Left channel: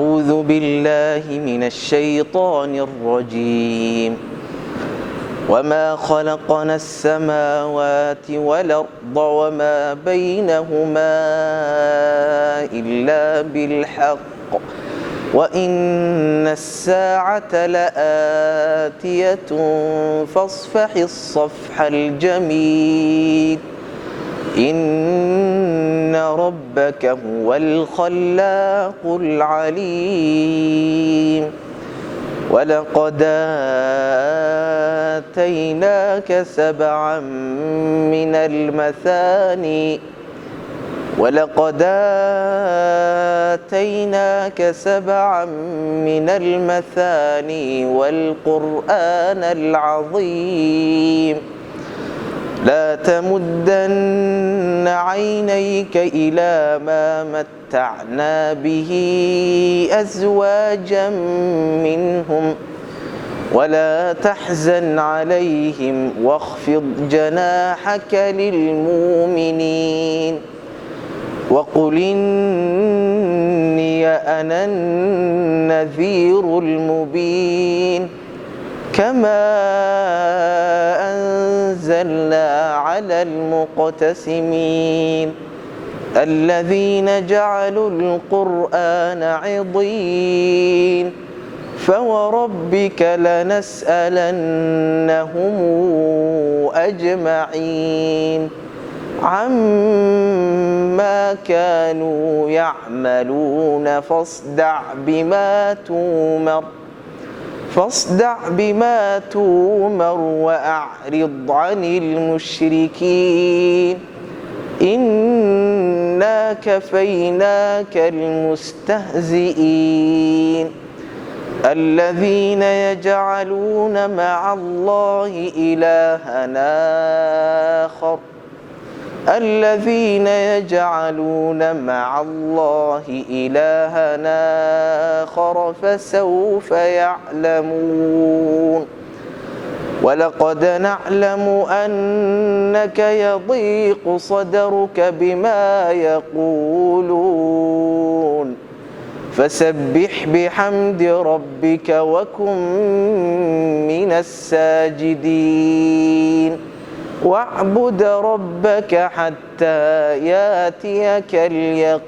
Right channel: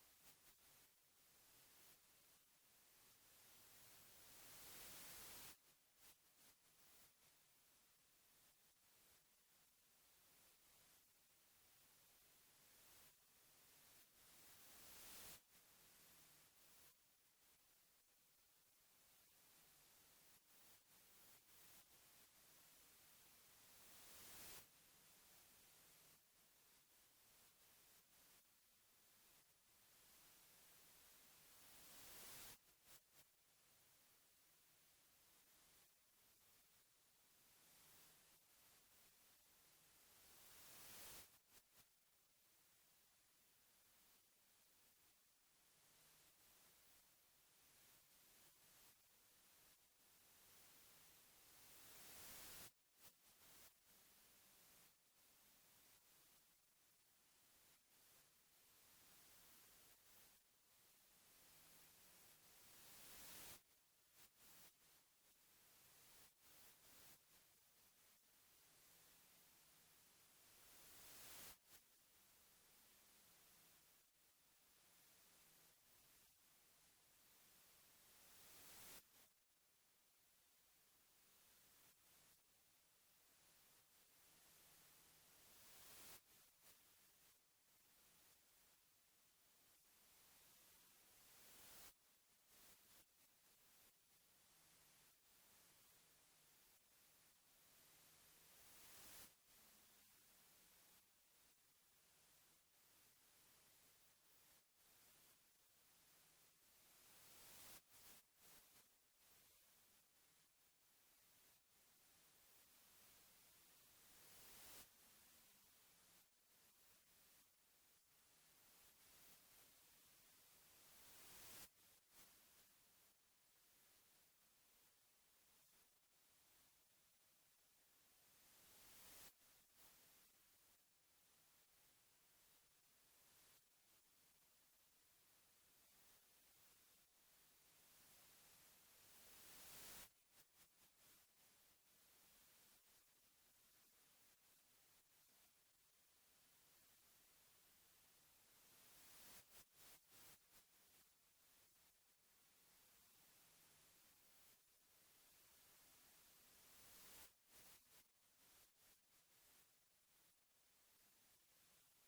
أعوذ بالله من الشيطان الرجيم وما خلقنا السماوات والأرض وما بينهما إلا بالحق وإن الساعة لآتية فاصفح الصفح الجميل إن ربك هو الخلاق العليم ولقد آتيناك سبعا من المثاني والقرآن العظيم لا تمدن عينيك إلى ما متعنا به أزواجا منهم ولا تحزن عليهم واخفض جناحك للمؤمنين وقل إني أنا النذير المبين كما أنزلنا على المقتسمين الذين جعلوا القرآن عضين فوربك لنسألنهم أجمعين عما كانوا يعملون فاصدع بما تؤمر وأعرض عن المشركين إنا كفيناك المستهزئين الذين يجعلون مع الله إلهًا آخر فسوف يعلمون ولقد نعلم أنك يضيق صدرك بما يقولون فسبح بحمد ربك وكن من الساجدين واعبد ربك حتى ياتيك اليقين.